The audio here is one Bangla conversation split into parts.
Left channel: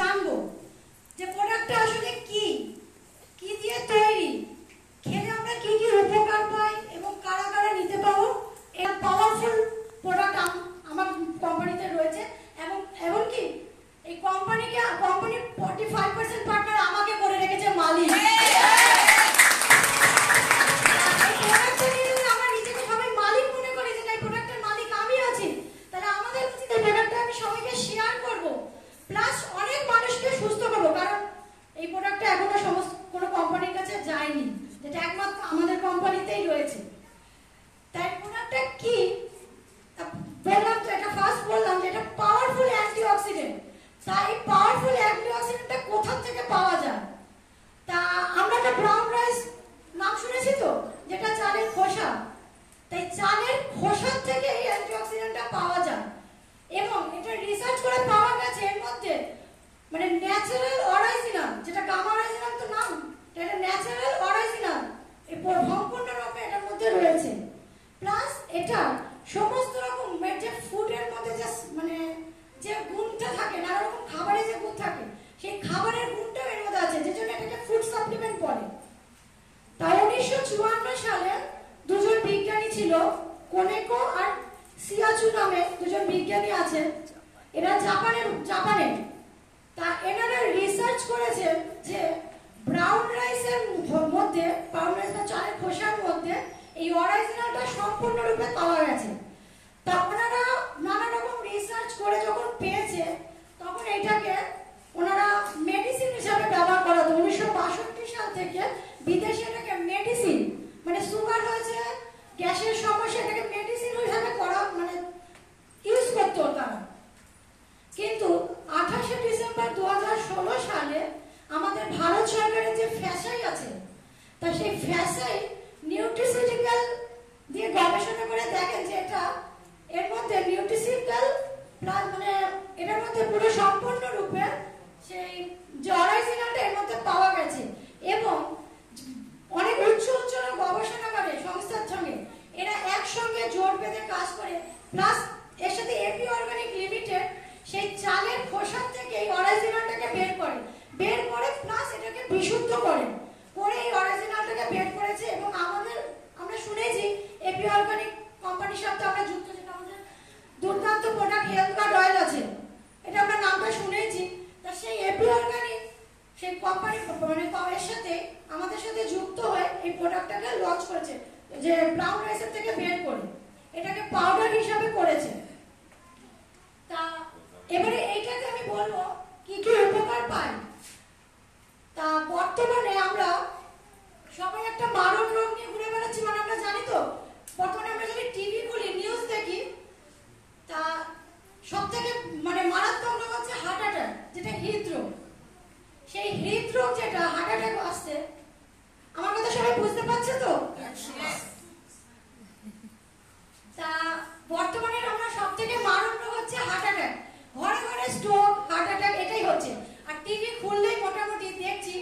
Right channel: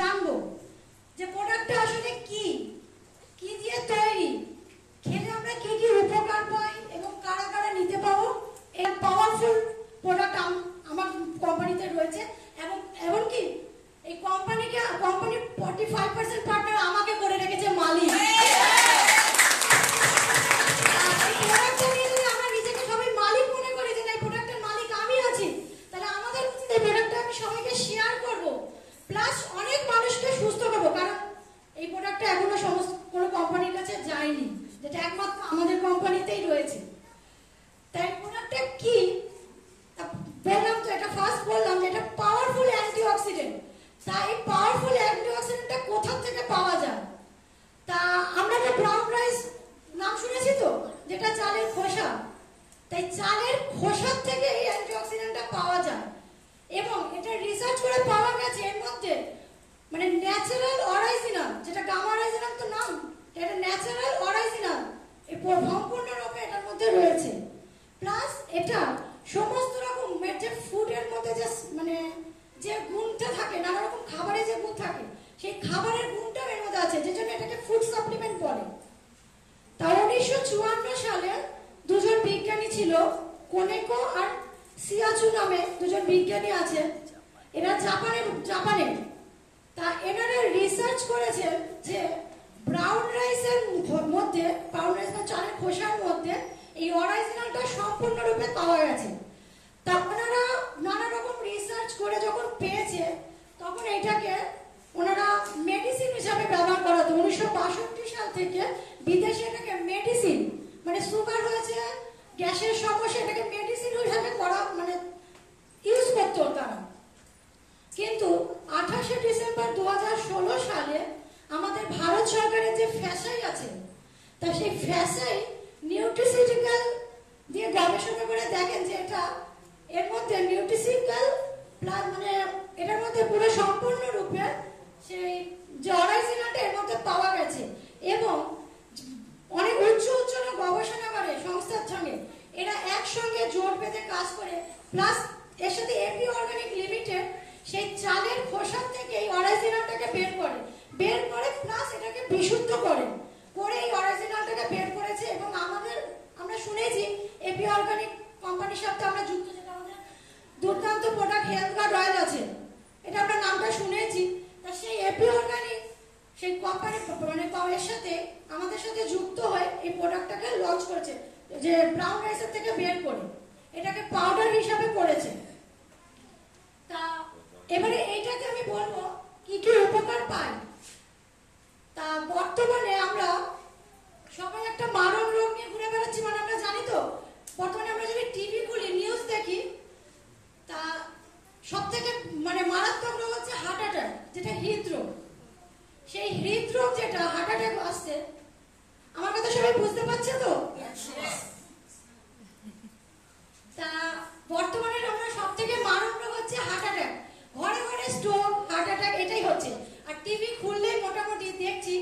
জানবো যে প্রোডাক্টটা আসলে কি কি দিয়ে তৈরি, খেলে আমরা কি কি উপকার পাই এবং কারা কারা নিতে পারবো। এই পাওয়ারফুল প্রোডাক্ট আমার কোম্পানিতে রয়েছে এবং এমনকি এই কোম্পানি 45% পার্টনার আমাকে করে রেখেছে মালিক। আমার নিজেকে সবাই মালিক মনে করি যে এই প্রোডাক্টের মালিক আমি আছি, তাহলে আমাদের উচিত এই প্রোডাক্টটা আমি সবাইকে শেয়ার করব, প্লাস অনেক মানুষকে সুস্থ করবো। কারণ এই প্রোডাক্টটা এখনো সমস্ত কোনো কোম্পানির কাছে যায়নি, যেটা একমাত্র আমাদের কোম্পানিতেই রয়েছে। তাই প্রোডাক্টটা কি বললাম, তো এটা ফার্স্ট বললাম যে এটা পাওয়ারফুল অ্যান্টিঅক্সিডেন্ট। তাই পাওয়ারফুল অ্যান্টিঅক্সিডেন্টটা কোথা থেকে পাওয়া যায়? তা আমরা একটা ব্রাউন রাইস নাম শুনেছি তো, যেটা চালের খোসা। তাই চালের খোসা থেকে এই অ্যান্টিঅক্সিডেন্টটা পাওয়া যায় এবং এটা রিসার্চ করে পাওয়া গেছে এর মধ্যে মানে ন্যাচারাল অরিজিনাল, যেটা গামা অরিজিনাল তো নাম, এটা ন্যাচারাল অরিজিনাল এই সম্পূর্ণরূপে এটার মধ্যে রয়েছে। প্লাস এটা সমস্ত রকম যে ফুডের মধ্যে যে মানে যে গুণটা থাকে, নানা রকম খাবারে যে গুণ থাকে, সেই খাবারের গুণটাও এর মধ্যে আছে, যে জন্য এটাকে ফুড সাপ্লিমেন্ট বলে। তাই 1954 সালে দুজন বিজ্ঞানী ছিল, কোনেকো আর সিয়াচু নামে দুজন বিজ্ঞানী আছে। এরা জাপানে তা এনারা রিসার্চ করেছে যে ব্রাউন রাইসের মধ্যে, ব্রাউন রাইস বা চালের খোসার মধ্যে এই অরিজিনালটা সম্পূর্ণরূপে পাওয়া গেছে। তা ওনারা নানা রকম রিসার্চ করে যখন পেয়েছে, তখন এটাকে ওনারা মেডিসিন হিসাবে ব্যবহার করা হতো। 1962 সাল থেকে বিদেশে এটাকে মেডিসিন, মানে সুগার হয়েছে, গ্যাসের সমস্যা, এটাকে মেডিসিন হিসাবে করা মানে ইউজ করতো তারা। কিন্তু 28শে ডিসেম্বর 2016 সালে আমাদের ভারত সরকারের যে ফ্যাসাই আছে, তা সেই ফ্যাসাই নিউট্রিসিউটিক্যাল দিয়ে গবেষণা করে দেখেন যে এটা এর মধ্যে নিউট্রিসিউটিক্যাল প্লাস মানে এটার মধ্যে পুরো সম্পূর্ণরূপে সেই যে অরিজিনালটা এর মধ্যে পাওয়া গেছে। এবং অনেক উচ্চ গবেষণাগারে সংস্থার সঙ্গে এরা একসঙ্গে জোট বেঁধে কাজ করে, প্লাস এর সাথে এপি অর্গানিক লিমিটেড সেই চালের খোসা থেকে এই অরিজিনালটাকে বের করে প্লাস এটাকে বিশুদ্ধ করে এই অরিজিনালটাকে বের করেছে। এবং আমরা শুনেছি এপি অর্গানিক কোম্পানির সাথে আমরা যুক্ত, যেটা আমাদের দুর্দান্ত প্রোডাক্ট হেলথ গার্ড অয়েল আছে, এটা আমরা নামটা শুনেছি। তা সেই এপি অর্গানিক সেই কোম্পানি মানে এর সাথে আমাদের সাথে যুক্ত হয়ে এই প্রোডাক্টটাকে লঞ্চ করেছে, যে ব্রাউন রাইসের থেকে বের করে এটাকে পাউডার হিসাবে করেছে। তা এবারে এইটাকে আমি বলবো কি কি উপকার পাই। তা বর্তমানে আমরা সবাই একটা মারণ রোগ নিয়ে ঘুরে বেড়াচ্ছি, মানে আমরা জানি তো বর্তমানে আমরা যদি টিভি খুলি নিউজ দেখি, তা সব থেকে মানে মারাত্মক রোগ হচ্ছে হার্ট অ্যাটাক, যেটা হৃদরোগ। সেই হৃদরোগ যেটা হার্ট অ্যাটাক আসছে, আমার কথা সবাই বুঝতে পারছে তো? তা বর্তমানে আমরা সব থেকে মারণ রোগ হচ্ছে হার্ট অ্যাটাক, ঘরে ঘরে স্ট্রোক, হার্ট অ্যাটাক এটাই হচ্ছে। আর টিভি খুললেই মোটামুটি দেখছি,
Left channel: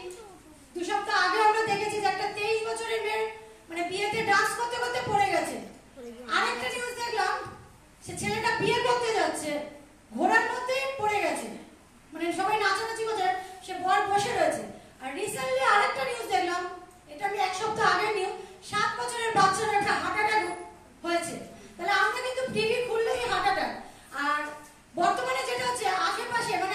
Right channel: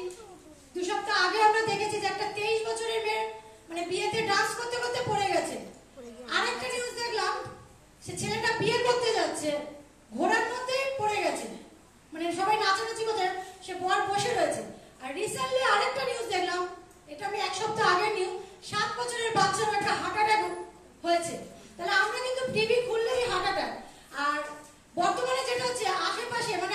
2 সপ্তাহ আগে আমরা দেখেছি যে একটা 23 বছরের মেয়ে মানে বিয়েতে ডান্স করতে করতে পড়ে গেছে। আরেকটা নিউজ দেখলাম, সে ছেলেটা বিয়ে করতে যাচ্ছে, ঘোড়ার মধ্যে পড়ে গেছে, মানে সবাই নাচানাচি করছে, সে বর বসে রয়েছে। আর রিসেন্টলি আরেকটা নিউজ দেখলাম, এটা আমি 1 সপ্তাহ আগে নিউজ, 7 বছরের বাচ্চার একটা হার্ট অ্যাটাক হয়েছে। তাহলে আমরা কিন্তু টিভি খুললেই হার্ট অ্যাটাক। আর বর্তমানে যেটা হচ্ছে আশেপাশে মানে